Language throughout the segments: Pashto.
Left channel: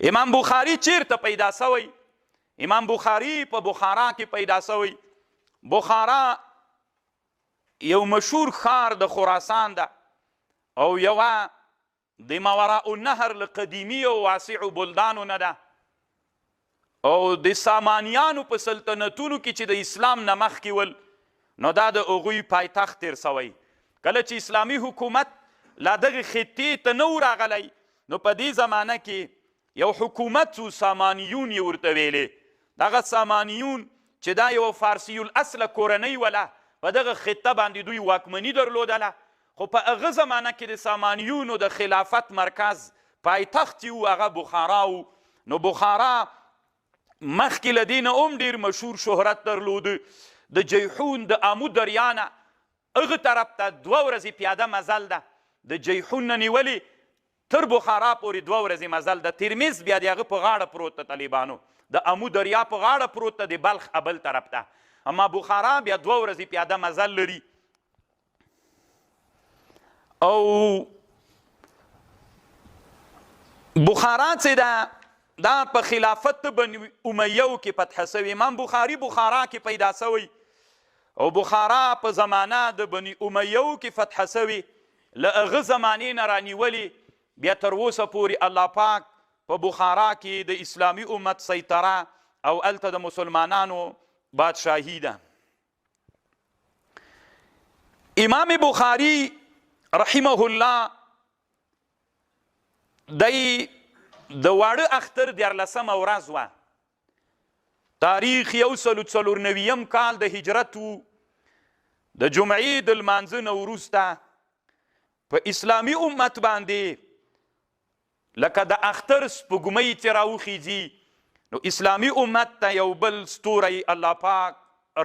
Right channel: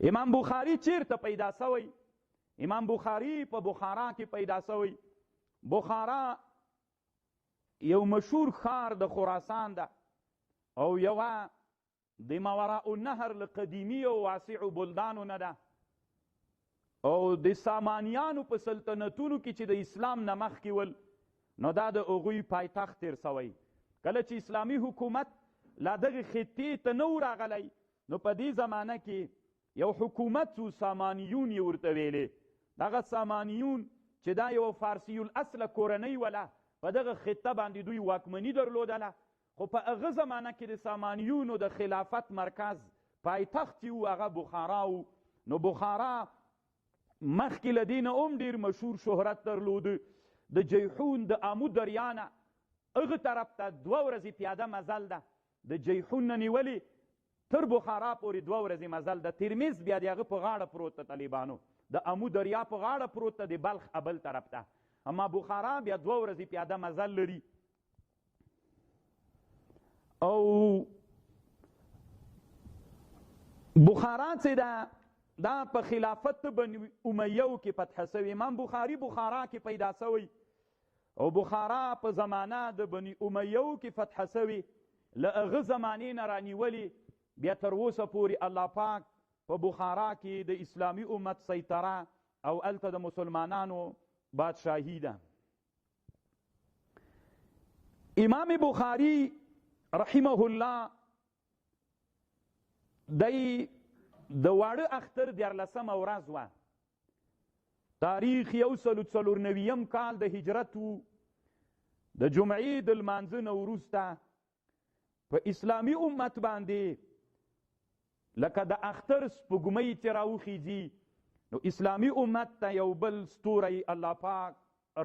امام بخاري چیرته پیدا سوی؟ امام بخاري په بخارا کې پیدا سوی. بخارا یو مشهور ښار د خراسان ده او یوه د ماوراء النهر له قدیمي او واسعو بلدانو نه ده او د سامانیانو په سلطنتونو کې چې د اسلام نه مخکې ول نو دا د هغوی پایتخت تیر سوی. کله چې اسلامي حکومت لا دغه خطې ته نه و راغلی نو په دې زمانه کې یو حکومت و سامانیون یې ورته ویلې. دغه سامانیون چې دا یو فارسي الاصله کورنۍ وله په دغه خطه باندې دوی واکمني درلودله خو په هغه زمانه کې د سامانیونو د خلافت مرکز پایتخت یې و هغه بخارا و. نو بخارا مخکې له دې نه هم ډېر مشهور شهرت درلوده. د جیحون د آمو دریا نه هغه طرف ته 2 ورځې پیاده مزل ده. د جیحون نه نیولې تر بخارا پورې 2 ورځې مزل ده. ترمیز بیا د هغه په غاړه پروت ده، طالبانو د آمو دریا په غاړه پروت ده، د بلخ بل طرف ته. اما بخارا بیا 2 ورځې پیاده مزل لري. او بخارا چې ده دا په خلافت بني امیو کې فتح سوی. امام بخاري بخارا کې پیدا سوی او بخارا په زمانه د بني امیو کې فتح سوی. له هغه زمانې نه رانیولې بیا تر اوسه پورې الله پاک په بخارا کې د اسلامي امت سیطره او هلته د مسلمانانو بادشاهي ده. امام بخاري رحمه الله دی د واړه اختر 14مه ورځ وه. تاریخ 149 کال د هجرت و. د جمعې د لمانځه نه وروسته په اسلامي امت باندې لکه د اختر سپوږمۍ چې راوخیږي نو اسلامي امت ته یو بل ستوری الله پاک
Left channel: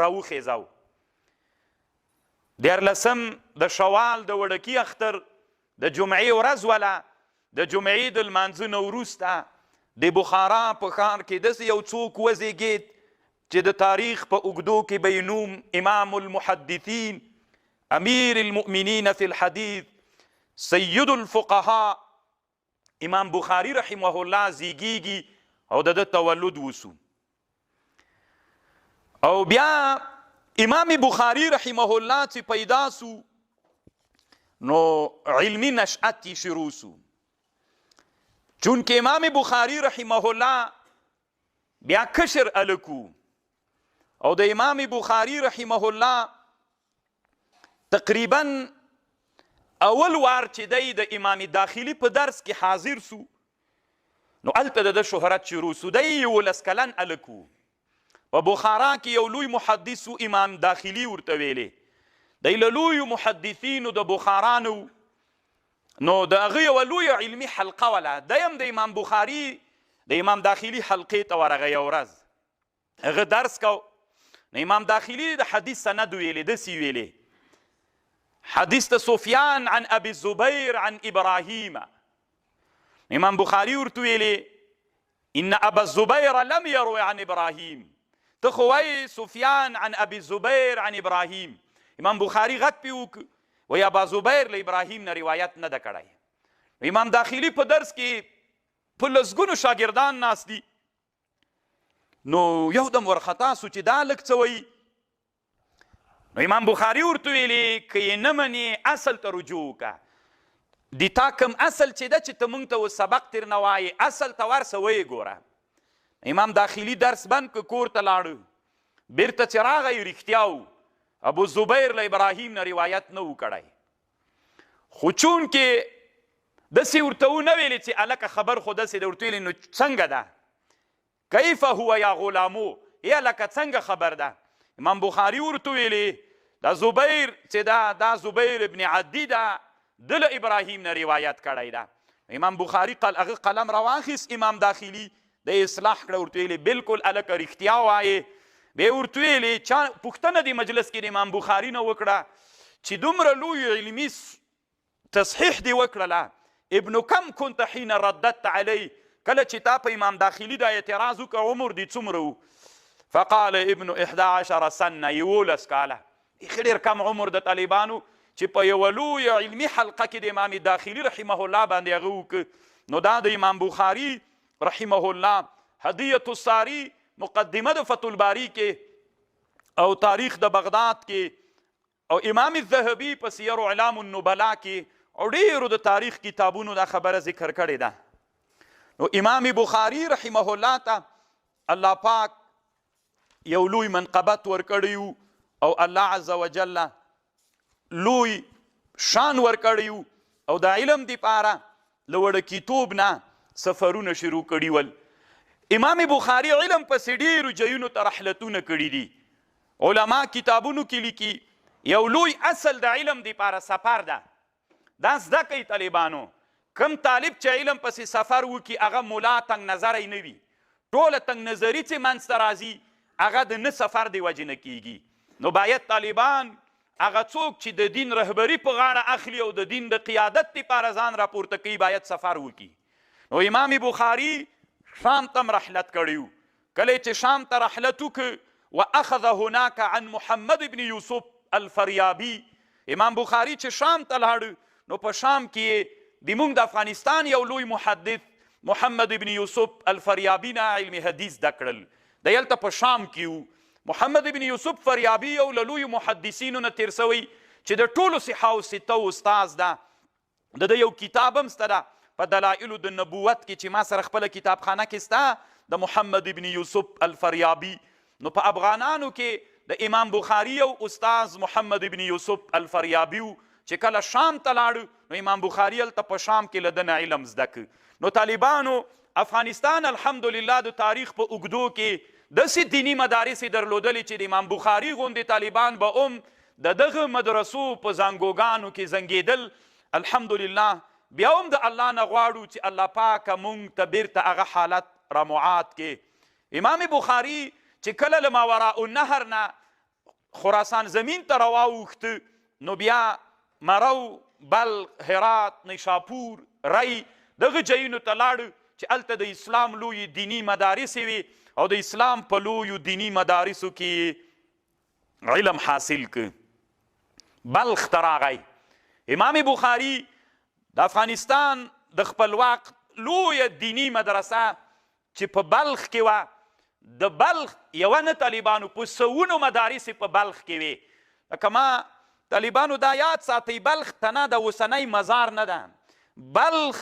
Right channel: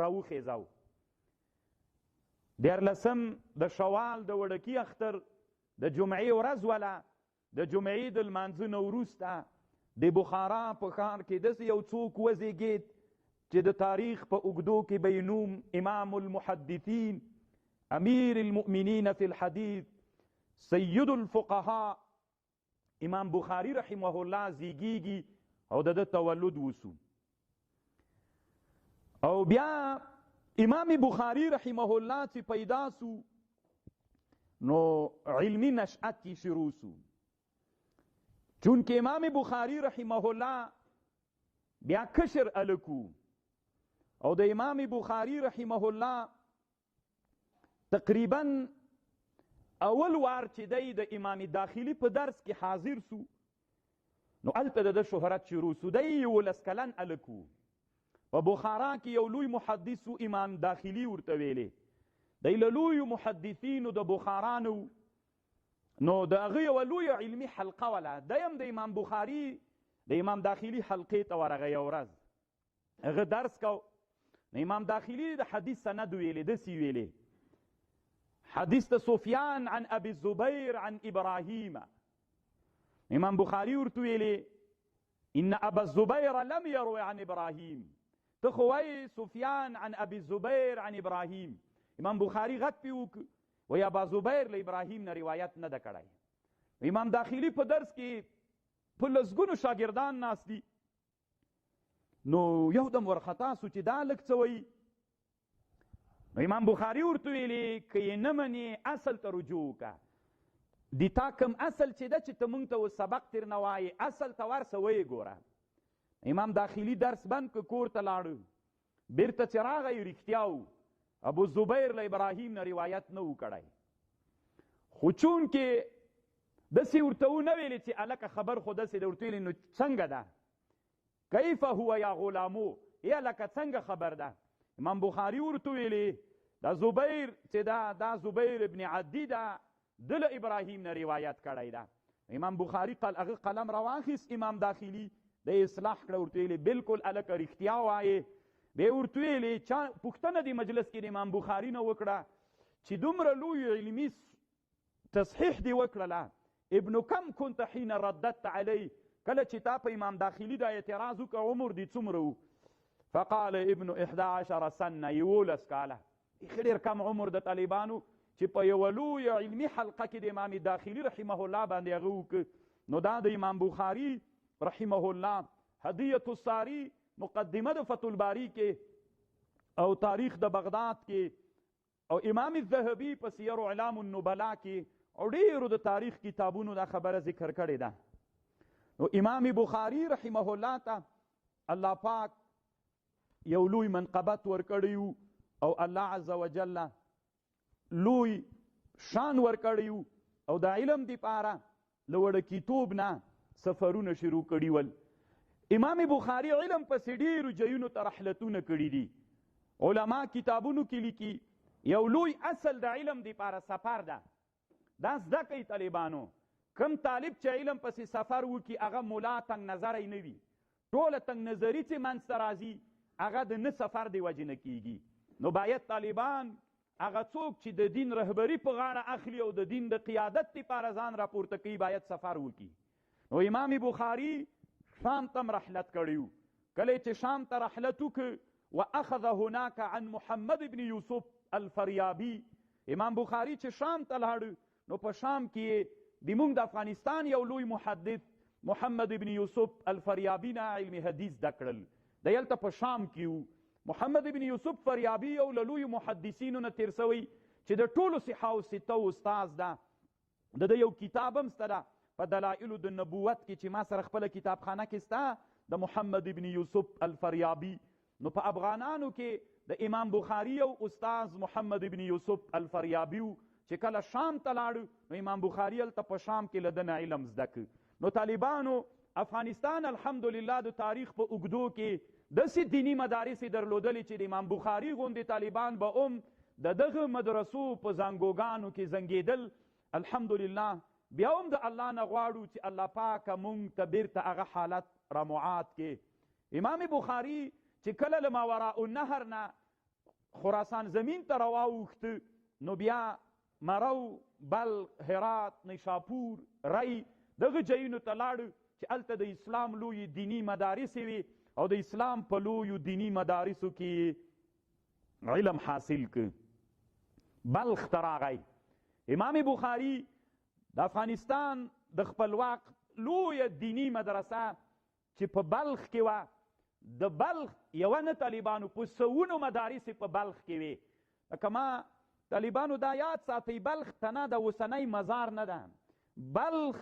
راوخیځو. 14 د شوال د وړکي اختر د جمعې ورځ وله. د جمعې د لمانځه نه وروسته د بخارا په ښار کې داسې یو څوک وزیږېد چې د تاریخ په اوږدو کې به یې نوم امام المحدثین، امیر المؤمنین فی الحدیث، سید الفقهاء امام بخاري رحمه الله زیږیږي او د ده تولد وسو. او بیا امام بخاري رحمه الله چې پیدا سو نو علمی نشأت یې شروع سو. چونکه امام بخاري رحمه الله بیا کشر الکو او د امام بخاري رحمه الله تقریبا اول وار چې دی د امام داخلي په درس کې حاضر سو نو هلته د شهرت شروع سو. دی 11 کلن الکو. په بخارا کې یو لوی محدث امام داخلي ورته ویلې. دی له لویو محدثینو د بخارا نو نو د هغه یوه لویه علمي حلقه وله. دی هم د امام بخاري د امام داخلي حلقې ته ورغی. یو ورځ هغه درس کو نو امام داخلي د حدیث سند ویلې، داسې ویلې حدیث د سفیان عن ابي الزبير عن ابراهیم. امام بخاري ورته ویلې ان ابا الزبير لم يروي عن ابراهیم. ته خو وایې سفیان عن ابي الزبير عن ابراهیم. امام بخاري غږ پې وکړ وی ابا زبیر له ابراهیم نه روایت نه ده کړی. امام داخلي په درس کې په لسګونو شاګردان ناست دي نو یو دم ورخطا سو چې دا لږ څه وایي. نو امام بخاري ورته ویلې که یې نه منې اصل ته رجوع وکړه. د تا کوم اصل چې ده چې ته موږ ته سبق تر نه وایې اصل ته ورسه ویې ګوره. امام داخلي درس بند که کور ته لاړو. بیرته چې راغی رښتیا و ابو زبیر له ابراهیم نه روایت نه و کړی. خو چونکې داسې ورته ونه ویلې چې هلکه خبر خو داسې ده ورته ویلې نو څنګه ده کیف هو یا غلامو ای هلکه څنګه خبر ده. امام بخاري ورته ویلې دا زبیر چې دا زبیر ابن عدي ده ده له ابراهیم نه روایت کړی ده. امام بخاري هغه قلم راواخیست امام داخلي د اصلاح کړه ورته ویلې بلکل هلکه رښتیا وایې. بیا ورته ویلې چا پوښتنه د مجلس کې د امام بخاري نه وکړه چې دومره لوی علمي تصحیح دې وکړله ابن کم كنت حین رددت علی کله چې تا په امام داخلي دا اعتراض وکړه عمر دې څومره و؟ فقال ابن 11 سنه 11 کاله. ښه ډېر کم عمر د طالبانو چې په یوه لویه علمي حلقه کې د امام داخلي رحمه الله باندې هغه وکړه. نو دا د امام بخاري رحمه الله هدیة الساری مقدمه د فتح الباری کې او تاریخ د بغداد کې او امام الذهبي په سیر اعلام النبلاء کې او ډیرو د تاریخ کتابونو دا خبره ذکر کړې ده. نو امام بخاري رحمه الله ته الله پاک یو لوی منقبت ورکړی او الله عز وجل لوی شان ورکړی او د علم دپاره له وړکیتوب نه سفرونه شروع کړي ول. امام بخاري علم پسې ډیرو ځایونو ته رحلتونه کړي دي. علما کتابونو کې لیکي یو لوی اصل د علم دپاره سفر ده. دا زده کوي طالبانو. کم طالب چې علم پسې سفر وکړي هغه ملا تنګ نظری نه وي. ټوله تنګ نظري چې منځته راځي هغه د نه سفر د وجې نه کیږي. نو باید طالبان هغه څوک چې د دین رهبري په غاړه اخلي او د دین د قیادت دپاره ځان راپورته کوي باید سفر وکړي. نو امام بخاري شام ته رحلت کړی و. کله چې شام ته رحلت وکړ واخذ هناك عن محمد بن یوسف الفریابي. امام بخاري چې شام ته لاړ نو په شام کې د موږ د افغانستان یو لوی محدث محمد ابن یوسف الفریابي نه علم حدیث زده کړل. د هلته په شام کې و. محمد ابن یوسف فریابي یو له لویو محدثینو نه تیر سوی چې د ټولو صحاو ستو استاذ ده. د یو کتاب هم سته ده په دلائل د نبوت کې چې ما سره خپله کتابخانه کې سته د محمد ابن یوسف الفریابي. نو په افغانانو کې د امام بخاري یو استاذ محمد ابن یوسف الفریابي چې کله شام ته لاړو نو امام بخاري هلته په شام کې له ده نه علم زده کړ. نو طالبانو افغانستان الحمدلله د تاریخ په اوږدو کې داسې دیني مدارس یې درلودلې چې د امام بخاري غوندې طالبان به هم د دغه مدرسو په زانګوګانو کې زنګېدل. الحمدلله بیا هم د الله نه غواړو چې الله پاکه مونږ ته بیرته هغه حالت رامعاد کې. امام بخاري چې کله له ماوراء النهر نه خراسان زمین ته راواوښته نو بیا مرو بلخ هرات نیشاپور ری دغه ځایونو ته لاړ چې هلته د اسلام لوی دینی مدارس وي او د اسلام په لویو دینی مدارسو کې علم حاصل ک. بلخ ته راغی. امام بخاري د افغانستان د خپل وخت لویه دینی مدرسه چې په بلخ کې وه د بلخ یوه نه طالبانو په سوونو مدارس په بلخ کې وي. لکه ما طالبانو دا یاد ساتئ بلخ ته نه د اوسنی مزار نه ده. بلخ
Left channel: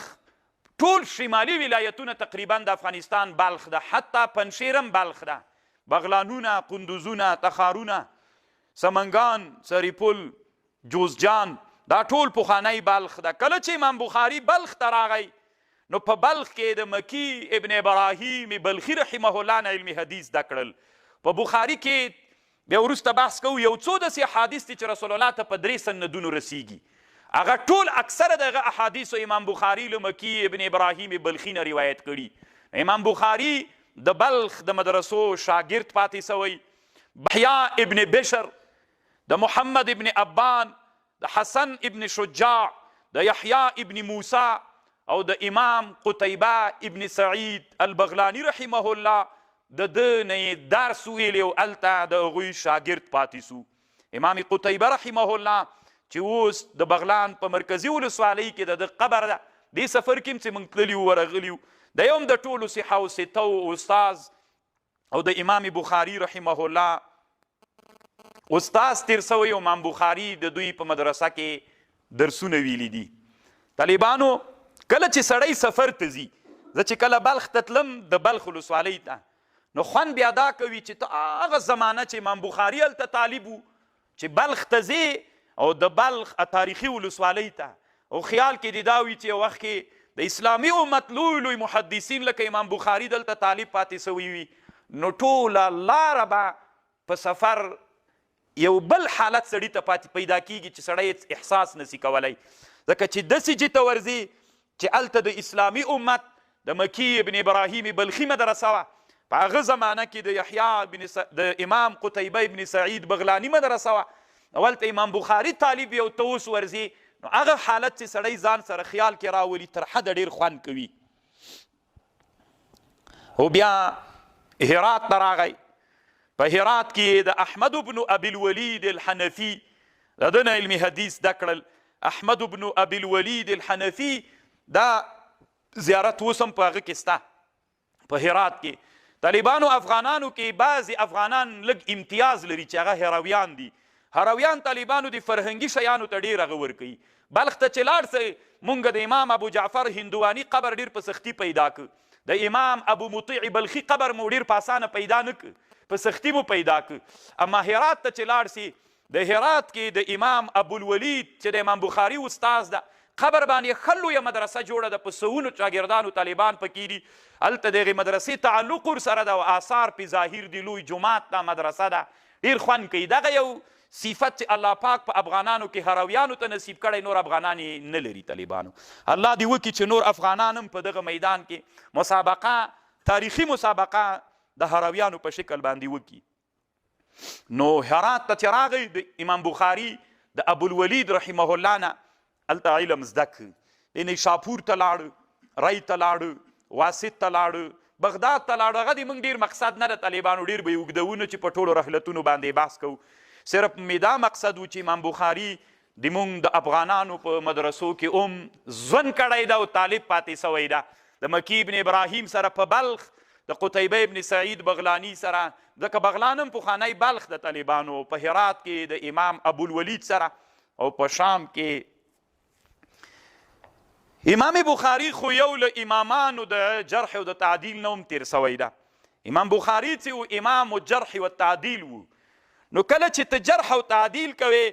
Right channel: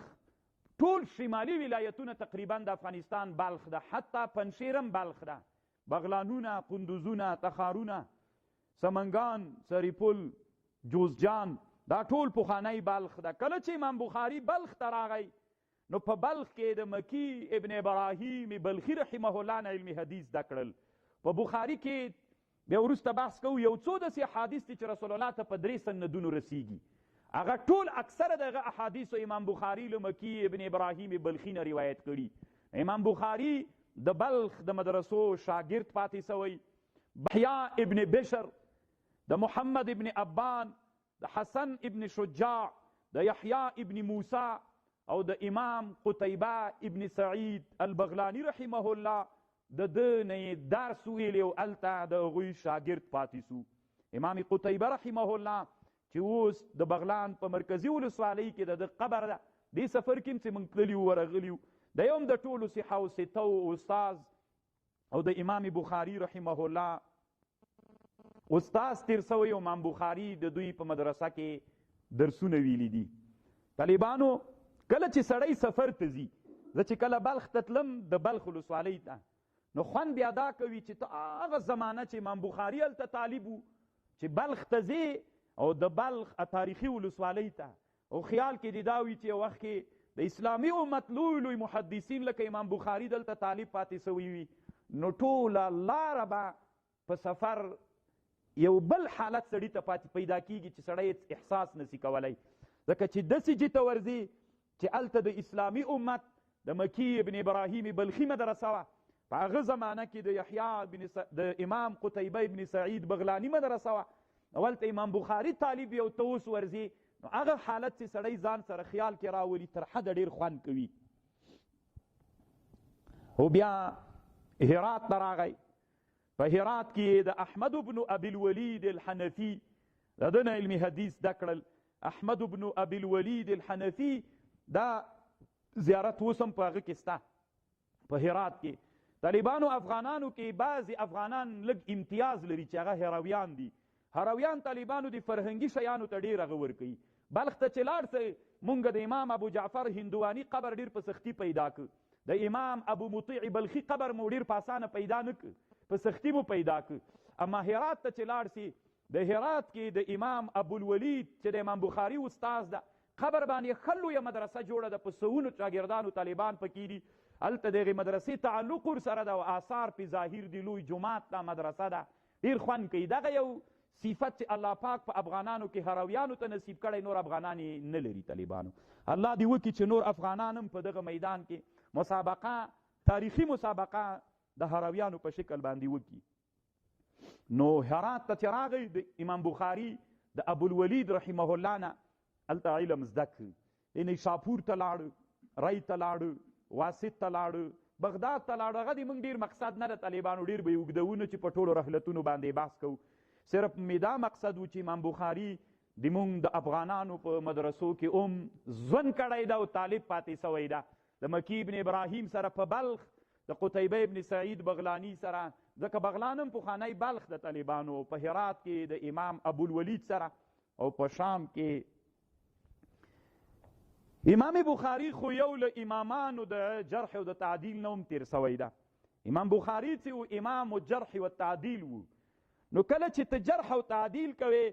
ټول شمالي ولایتونه تقریبا د افغانستان بلخ ده. حتی پنشیر هم بلخ ده. بغلانونه، قندوزونه، تخارونه، سمنګان، سریپل، جوزجان دا ټول پخوانی بلخ ده. کله چې امام بخاري بلخ ته راغی نو په بلخ کې د مکی ابن ابراهیم بلخي رحمه الله نه علم حدیث زده کړل. په بخاري کې بیا وروسته بحث کوو یو څو داسې احادیث دي چې رسول الله ته په 3 سندونو رسیږي. هغه ټول اکثره دغه احادیثو امام بخاري له مکی ابن ابراهیم بلخي نه روایت کړي. امام بخاري د بلخ د مدرسو شاګرد پاتې سوی. بحیا ابن بشر، د محمد ابن ابان، د حسن ابن شجاع، د یحیی ابن موسی او د امام قتیبه ابن سعید البغلانی رحمه الله د ده نه یې درس ویلی او هلته د هغوی شاګرد پاتې سو. امام قتیبه رحمه الله چې اوس د بغلان په مرکزي ولسوالۍ کې د ده قبر ده. دې سفر کې هم چې موږ تللي وو ورغلي وو. دی هم د ټولو صحاو ستو استاذ او د امام بخاري رحمه الله استاذ تیر سوی. امام بخاري د دوی په مدرسه کې درسونه ویلي دي. طالبانو کله چې سړی سفر ته ځي، زه چې کله بلخ ته تلم د بلخ ولسوالۍ ته نو خوند بیا دا کوي چې ته هغه زمانه چې امام بخاري هلته طالب و چې بلخ ته ځې او د بلخ تاریخي ولسوالۍ ته او خیال کې دې دا وي چې یو وخت کې د اسلامي امت لوی لوی محدثین لکه امام بخاري دلته طالب پاتې سوي وي نو ټوله لاره به په سفر یو بل حالت سړي ته پاتې پیدا کیږي چې سړی احساس نسی کولی. ځکه چې داسې جې ته ورځي چې هلته د اسلامي امت د مکی ابن ابراهیم بلخي مدرسه وه. په هغه زمانه کې د یحیی د امام قتیبه ابن سعید بغلانی مدرسه وه. نو هلته امام بخاري طالب یو ته اوس ورځي نو هغه حالت چې سړی ځان سره خیال کې راولي تر حده ډېر خوند کوي. خو بیا هرات ته راغی. په هرات کې د احمد بن ابي الولید الحنفي د ده نه علمي حدیث زده کړل. احمد بن ابي الولید الحنفي دا زیارت اوس هم په هغه کې سته. په هرات کې طالبانو افغانانو کې بعضې افغانان لږ امتیاز لري چې هغه هرویان دي. هرویان طالبانو د فرهنګي شیانو ته ډېر هغه ورکوي. بلخ ته چې لاړ سئ مونږ د امام ابو جعفر هندواني قبر ډېر په سختي پیدا که. د امام ابو مطیع بلخي قبر مو ډېر په اسانه پیدا نه که، په سختي مو پیدا که. اما هرات ته چې لاړ سي د هرات کې د امام ابوالولید چې د امام بخاري استاز ده قبر باندې ښه لویه مدرسه جوړه ده، په سوونو شاګردانو طالبان پکې دي. هلته د هغې مدرسې تعلق ورسره ده او آثار پې ظاهر دي. لوی جومات ده، مدرسه ده، ډېر خوند کوي. دغه یو صفت چې الله پاک په افغانانو کې هرویانو ته نصیب کړی، نور افغانان یې نه لري طالبانو. الله دې وکړي چې نور افغانان هم په دغه میدان کې مسابقه، تاریخي مسابقه د هرویانو په شکل باندې وکړي. نو هرات ته چې راغی د امام بخاري د ابوالولید رحمه الله نه هلته علم زده کړ. د نیشاپور ته لاړه، ری ته لاړه، واسط ته لاړه، بغداد ته لاړه. هغه د موږ ډېر مقصد نه د طالبانو ډېر به یې اوږدونه چې په ټولو رحلتونو باندې بحث کوو. صرف مې دا مقصد و چې امام بخاري د موږ د افغانانو په مدرسو کې ژوند کړی ده او طالب پاتې سوی ده. د مکی ابن ابراهیم سره په بلخ، د قتیبه ابن سعید بغلانی سره، ځکه بغلان هم پخوانی بلخ د طالبانو، په هرات کې د امام ابوالولید سره، او په شام کې امام بخاري خو یو له امامانو د جرح او د تعدیل نه هم تیر سوی ده. امام بخاري چې و امام الجرح والتعدیل و. نو کله چې ته جرح او تعدیل کوې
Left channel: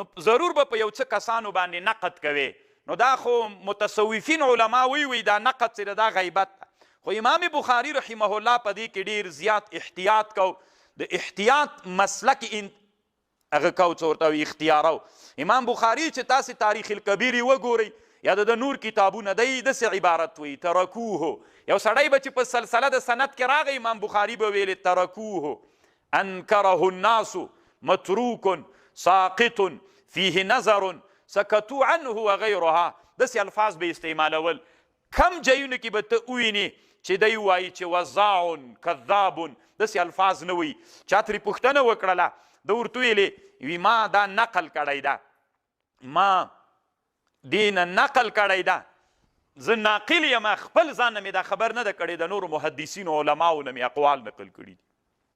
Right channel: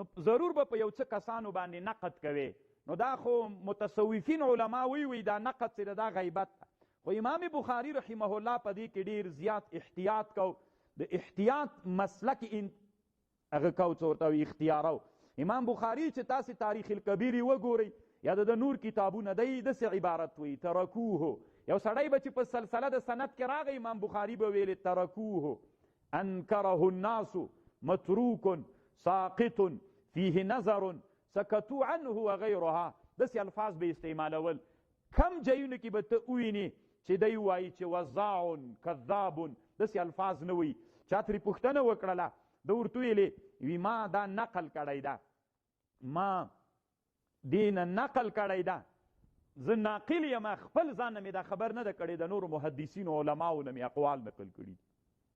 نو ضرور به په یو څه کسانو باندې نقد کوې. نو دا خو متصوفین علما وی دا نقد چې دا غیبت ده. خو امام بخاري رحمه الله په دې کې ډېر زیات احتیاط کو. د احتیاط مسلک هغه کو څه ورته وایي اختیارو. امام بخاري چې تاسې تاریخ الکبیر وګورئ یا د نور کتابونه دی داسې عبارت وایي ترکوه. یو سړی به چې په سلسله د سند کې راغی امام بخاري به ویلې ترکوه انکره الناس متروک ساقط فیه نظر سکتو عنه وغیرها. داسې الفاظ به استعمالول. کم ځایونو کې به ته ووینې چې دی وایي چې وضاع کذاب، داسې الفاظ نه وایي. چا ترې پوښتنه وکړله ده ورته ویلې وي ما دا نقل کړی ده، ما دې نه نقل کړی ده، زه ناقل یم، خپل ځان نه مې دا خبر نه ده کړې، د نورو محدثینو علماو نه مې اقوال نقل کړي دي.